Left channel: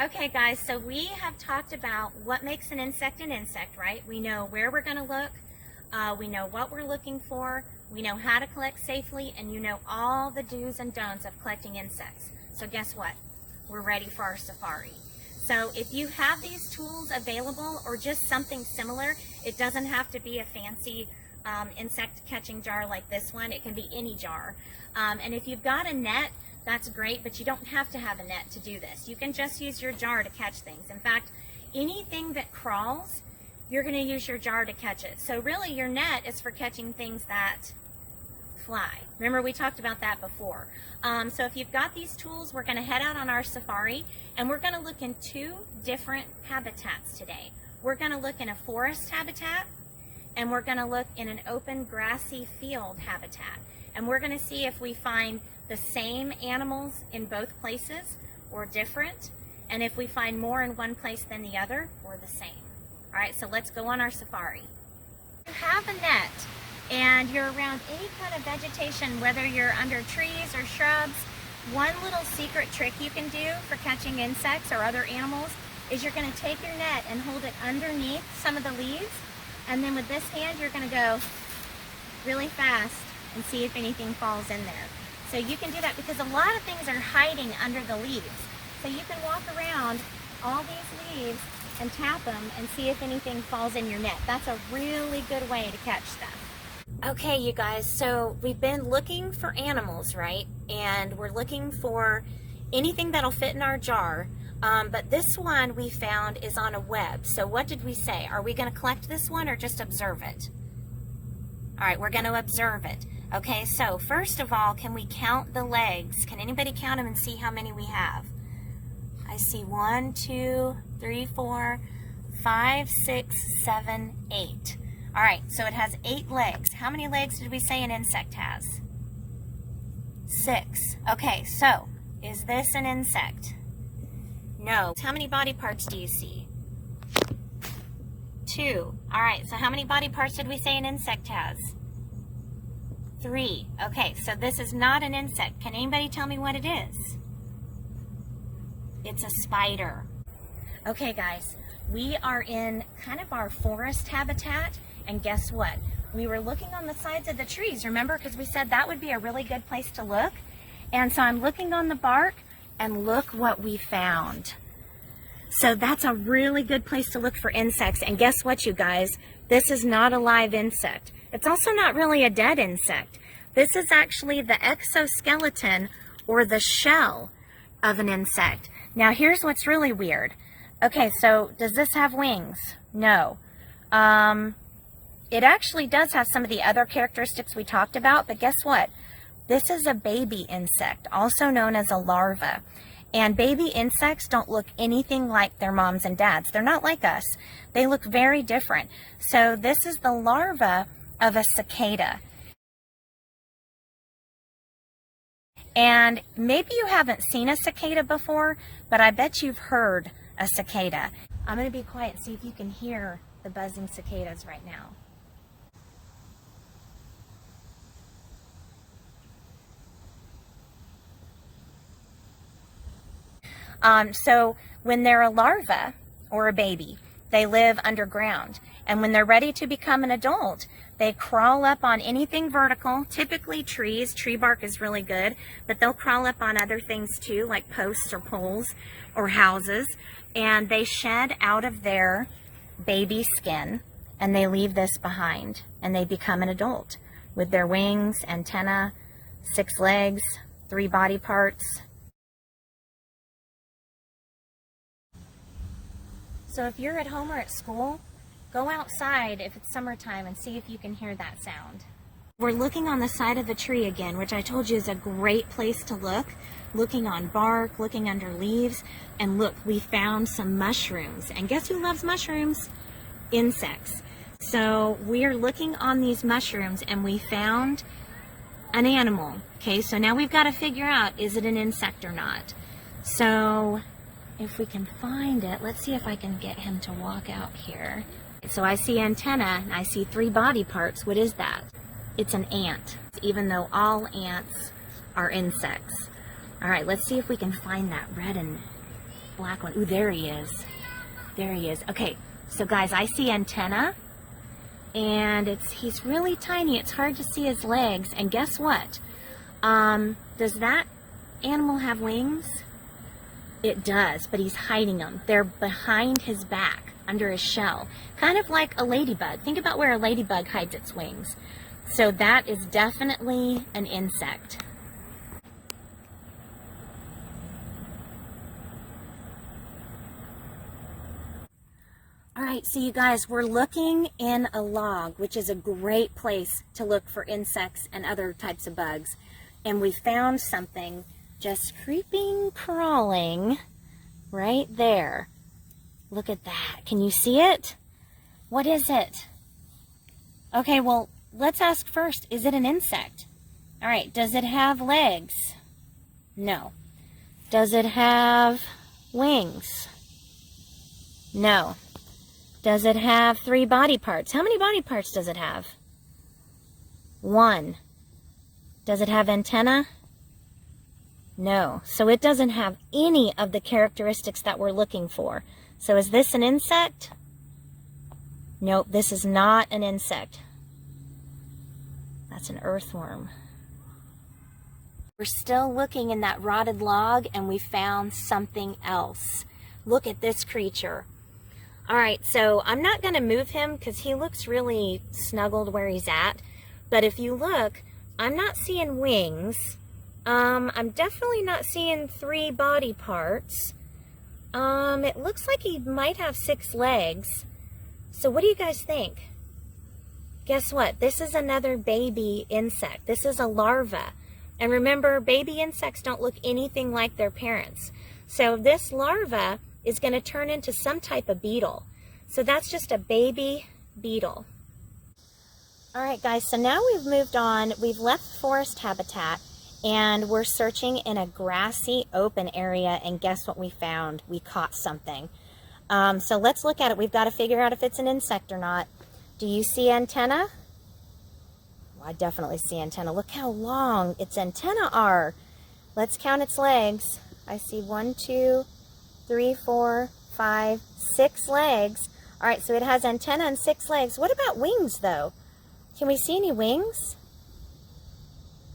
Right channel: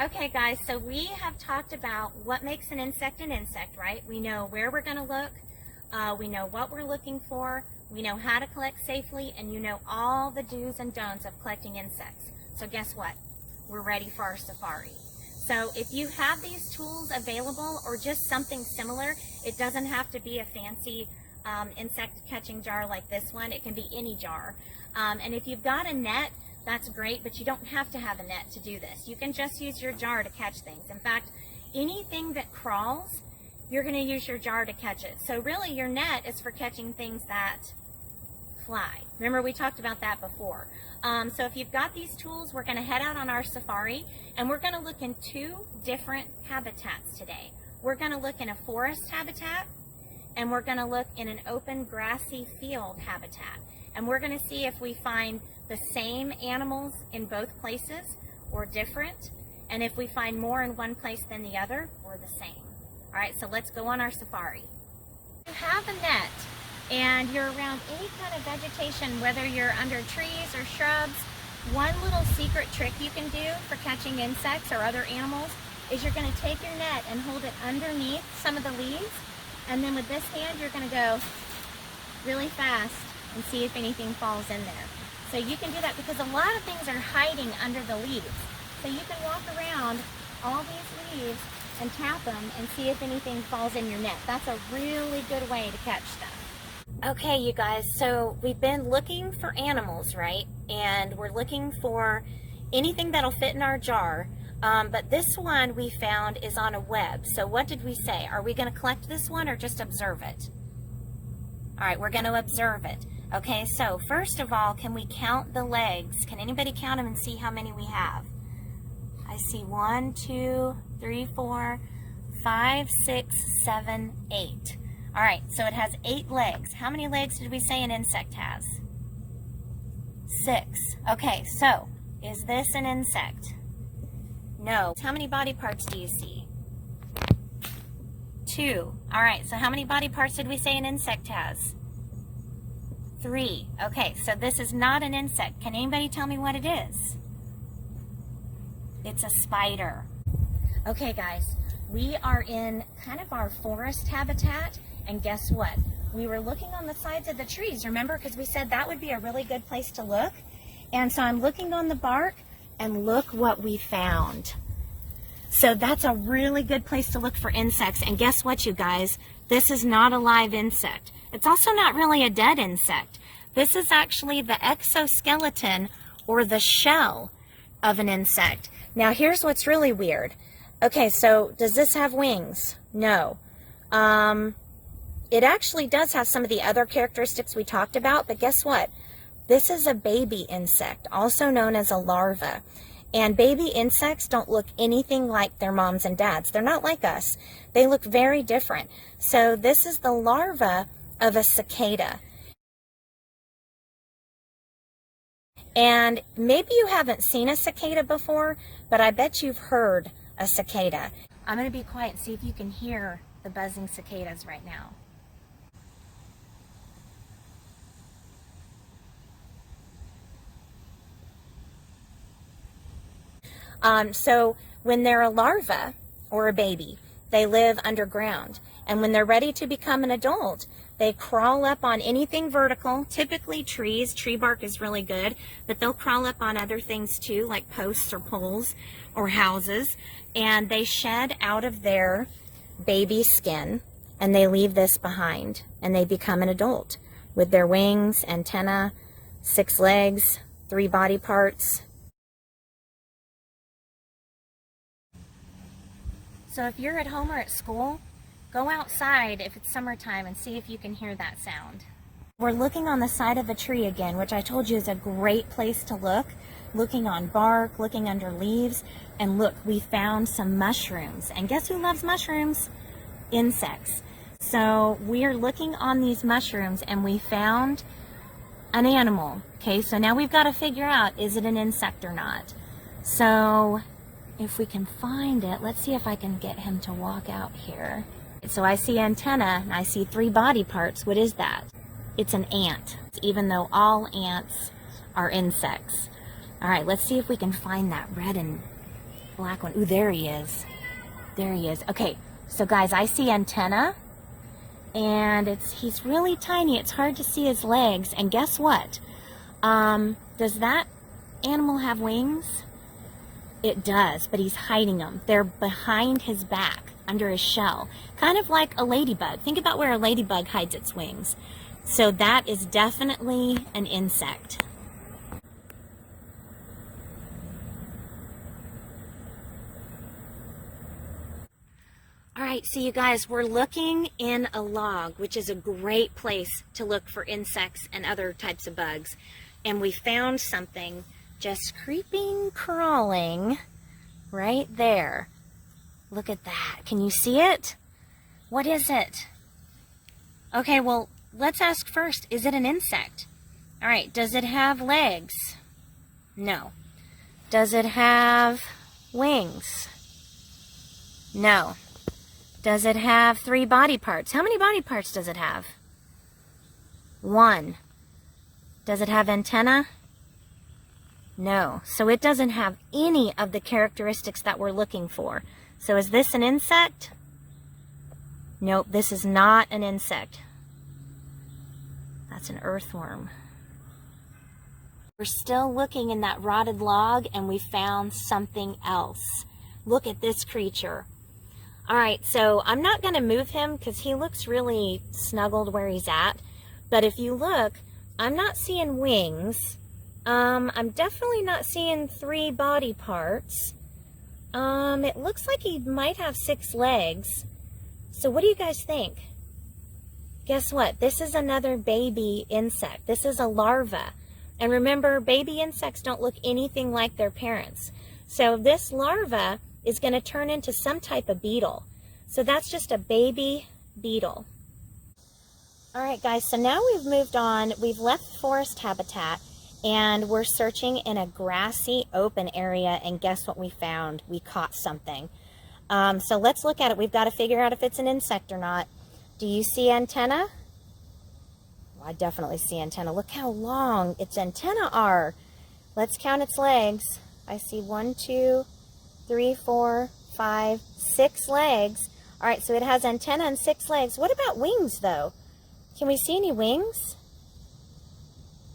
Okay guys, so we have talked about what makes an insect, right? We know where we're going to look, we know what we're looking for, we know how to collect safely, and you know all the do's and don'ts of collecting insects. So guess what? We're ready for our safari. So if you have these tools available or just something similar, it doesn't have to be a fancy insect catching jar like this one. It can be any jar. And if you've got a net, that's great, but you don't have to have a net to do this. You can just use your jar to catch things. In fact, anything that crawls, you're going to use your jar to catch it. So really your net is for catching things that fly. Remember, we talked about that before. So if you've got these tools, we're going to head out on our safari, and we're going to look in two different habitats today. We're going to look in a forest habitat, and we're going to look in an open grassy field habitat. And we're going to see if we find the same animals in both places or different, and if we find more in one place than the other or the same. All right, so let's go on our safari. You have a net and you're around any kind of vegetation, whether you're under trees or shrubs, one little secret trick you can do for catching insects or other animals is you're going to take your net and hold it underneath some of the leaves, and then with this hand you're going to go really fast and see if anything falls in there. So you can do that because a lot of things are hiding under the leaves. So you can walk around all these leaves and tap them and see if anything falls in your net. That's a really good way to catch stuff. Okay, you guys, so we've been looking for animals, right? And we're looking for anything that'll fit in our jar. But this one we found is on a web. So what did we say? Are we going to collect this one or just observe it? All right, we're going to observe it. Okay, so first of all, can we count the legs? Can anybody count them and see how many we have? I see 1, 2, 3, 4, 5, 6, 7, 8. All right, so it has 8 legs. How many legs did we say an insect has? 6. Okay, so is this an insect? No. How many body parts do you see? 2. All right, so how many body parts did we say an insect has? 3. Okay, so this is not an insect. Can anybody tell me what it is? It's a spider. Okay, guys, we are in kind of our forest habitat, and guess what? We were looking on the sides of the trees, remember? Because we said that would be a really good place to look. And so I'm looking on the bark, and look what we found. So that's a really good place to look for insects. And guess what, you guys? This is not a live insect. It's also not really a dead insect. This is actually the exoskeleton or the shell of an insect. Now here's what's really weird. Okay, so does this have wings? No. It actually does have some of the other characteristics we talked about, but guess what? This is a baby insect, also known as a larva. And baby insects don't look anything like their moms and dads. They're not like us. They look very different. So this is the larva of a cicada. And maybe you haven't seen a cicada before, but I bet you've heard a cicada. I'm going to be quiet and see if you can hear the buzzing cicadas right now. So when they're a larva or a baby, they live underground. And when they're ready to become an adult, they crawl up on anything vertical, typically trees. Tree bark is really good, but they'll crawl up on other things too, like posts or poles or houses. And they shed out of their baby skin, and they leave this behind, and they become an adult with their wings, antenna, 6 legs, 3 body parts. So if you're at home or at school, go outside if it's summertime and see if you can hear that sound. We're looking on the side of the tree again, which I told you is a great place to look. Looking on bark, looking under leaves, and look, we found some mushrooms. And guess who loves mushrooms? Insects. So we're looking on these mushrooms and we found an animal. Okay, so now we've got to figure out, is it an insect or not? So if we can find it, let's see if I can get him to walk out here. So I see antenna and I see 3 body parts. What is that? It's an ant, even though all ants are insects. All right, let's see if we can find that red and black one. Ooh, there he is. There he is. Okay, so guys, I see antenna, and he's really tiny. It's hard to see his legs. And guess what? Does that animal have wings? It does, but he's hiding them. They're behind his back, under his shell. Kind of like a ladybug. Think about where a ladybug hides its wings. So that is definitely an insect. All right, so you guys, we're looking in a log, which is a great place to look for insects and other types of bugs. And we found something just creeping, crawling right there. Look at that. Can you see it? What is it? Okay, well, let's ask first, is it an insect? All right, does it have legs? No. Does it have wings? No. Does it have 3 body parts? How many body parts does it have? 1. Does it have antenna? No. So it doesn't have any of the characteristics that we're looking for. So is this an insect? Nope, this is not an insect. That's an earthworm. We're still looking in that rotted log, and we found something else. Look at this creature. All right, so I'm not going to move him because he looks really snuggled where he's at. But if you look, I'm not seeing wings. I'm definitely not seeing 3 body parts. It looks like he might have 6 legs. So what do you guys think? Guess what? This is another baby insect. This is a larva. And remember, baby insects don't look anything like their parents. So this larva is going to turn into some type of beetle. So that's just a baby beetle. All right, guys, so now we've moved on. We've left forest habitat, and we're searching in a grassy open area, and guess what we found? We caught something. So let's look at it. We've got to figure out if it's an insect or not. Do you see antenna? Well, I definitely see antenna. Look how long its antenna are. Let's count its legs. I see 1, 2, 3, 4, 5, 6 legs. All right, so it has antenna and 6 legs. What about wings, though? Can we see any wings?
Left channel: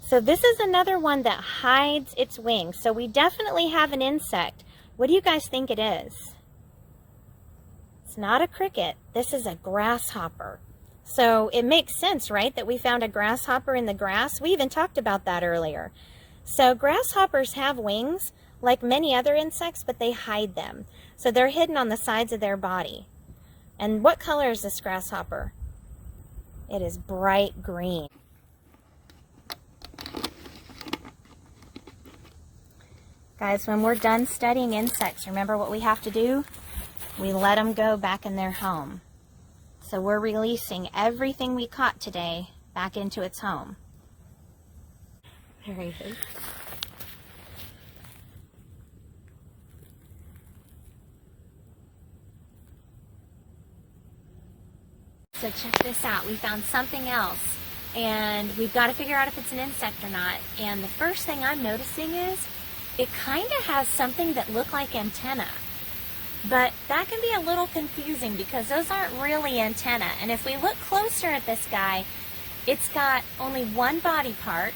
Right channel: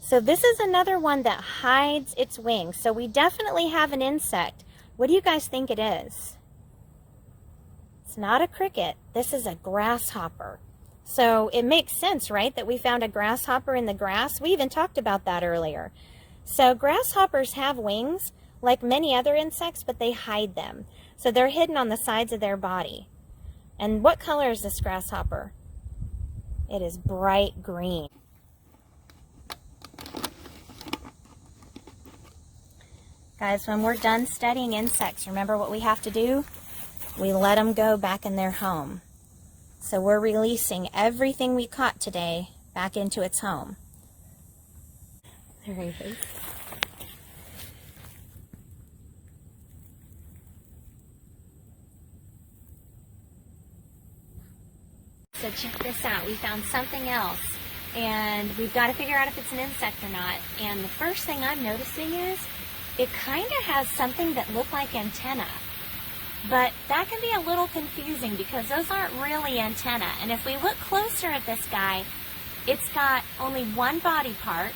So this is another one that hides its wings. So we definitely have an insect. What do you guys think it is? It's not a cricket. This is a grasshopper. So it makes sense, right, that we found a grasshopper in the grass? We even talked about that earlier. So grasshoppers have wings, like many other insects, but they hide them. So they're hidden on the sides of their body. And what color is this grasshopper? It is bright green. Guys, when we're done studying insects, remember what we have to do? We let them go back in their home. So we're releasing everything we caught today back into its home. There he is. So check this out. We found something else, and we've got to figure out if it's an insect or not. And the first thing I'm noticing is it kind of has something that look like antenna. But that can be a little confusing because those aren't really antenna. And if we look closer at this guy, it's got only 1 body part,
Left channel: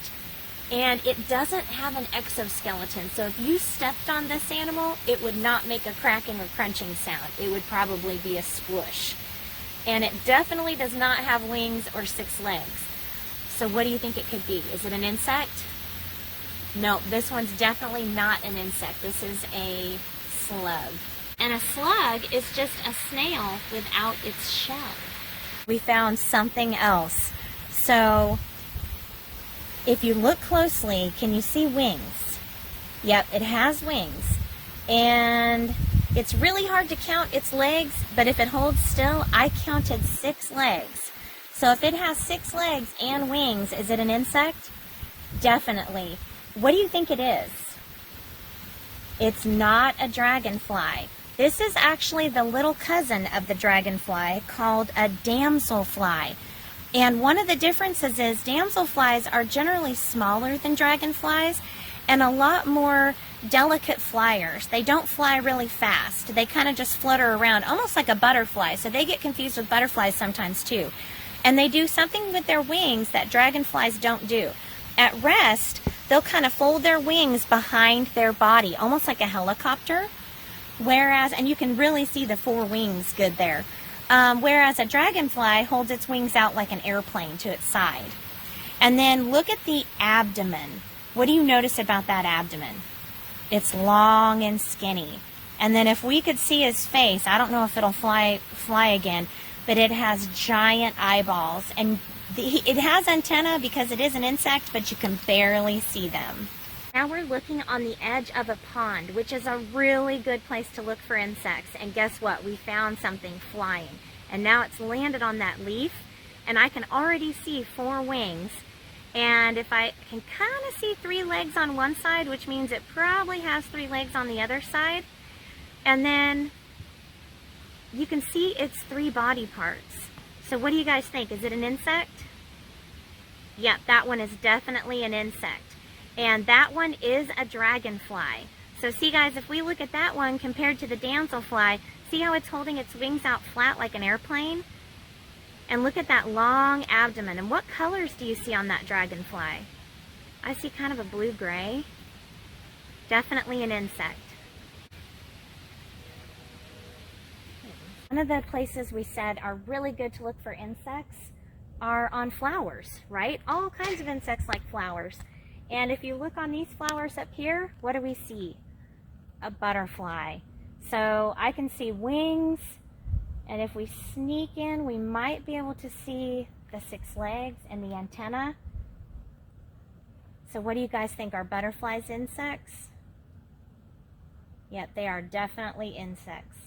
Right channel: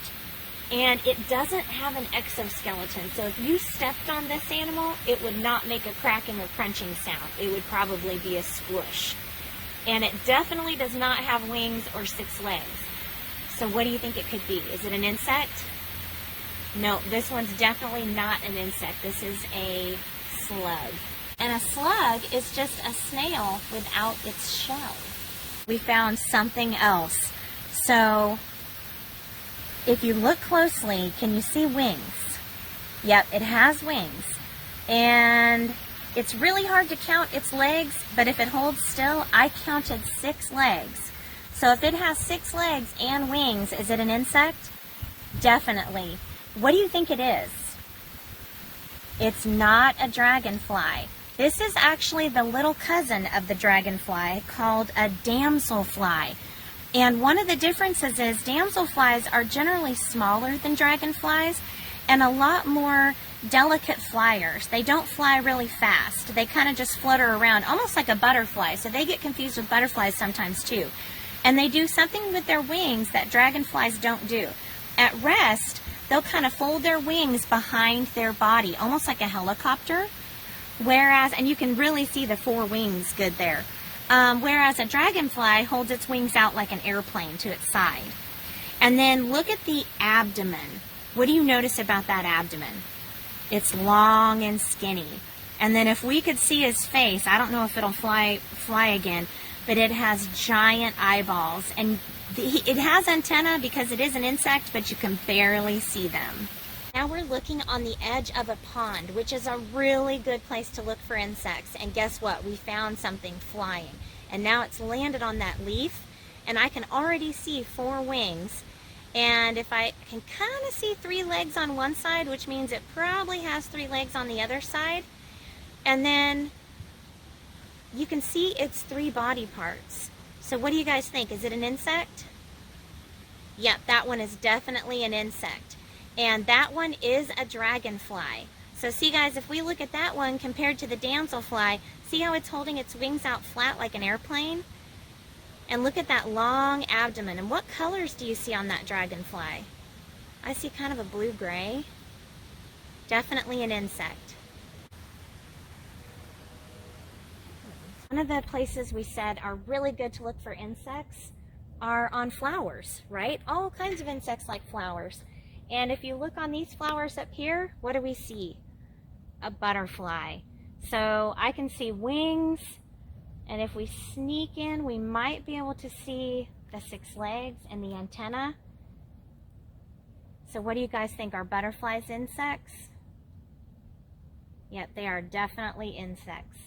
and it doesn't have an exoskeleton. So if you stepped on this animal, it would not make a cracking or crunching sound. It would probably be a squish. And it definitely does not have wings or 6 legs. So what do you think it could be? Is it an insect? No, this one's definitely not an insect. This is a slug. And a slug is just a snail without its shell. We found something else. So if you look closely, can you see wings? Yep, it has wings. And it's really hard to count its legs, but if it holds still, I counted 6 legs. So if it has 6 legs and wings, is it an insect? Definitely. What do you think it is? It's not a dragonfly. This is actually the little cousin of the dragonfly called a damselfly. And one of the differences is damselflies are generally smaller than dragonflies, and a lot more delicate flyers. They don't fly really fast. They kind of just flutter around, almost like a butterfly. So they get confused with butterflies sometimes too. And they do something with their wings that dragonflies don't do. At rest, they'll kind of fold their wings behind their body, almost like a helicopter. Whereas, and you can really see the four wings good there. Whereas a dragonfly holds its wings out like an airplane to its side. And then look at the abdomen. What do you notice about that abdomen? It's long and skinny. And then if we could see his face, I don't know if it'll fly again, but it has giant eyeballs. And it has antennae because it is an insect, but you can barely see them. Now we're looking on the edge of a pond, which is a really good place to look for insects. And guess what? We found something flying. And now it's landed on that leaf, and I can already see four wings. And if I can kind of see three legs on one side, which means it probably has three legs on the other side. And then you can see its three body parts. So what do you guys think? Is it an insect? Yep, that one is definitely an insect. And that one is a dragonfly. So see guys, if we look at that one compared to the damselfly, see how it's holding its wings out flat like an airplane? And look at that long abdomen. And what colors do you see on that dragonfly? I see kind of a blue-gray. Definitely an insect. One of the places we said are really good to look for insects are on flowers, right? All kinds of insects like flowers. And if you look on these flowers up here, what do we see? A butterfly. So I can see wings, and if we sneak in, we might be able to see the 6 legs and the antenna. So what do you guys think? Are butterflies insects? Yep, they are definitely insects.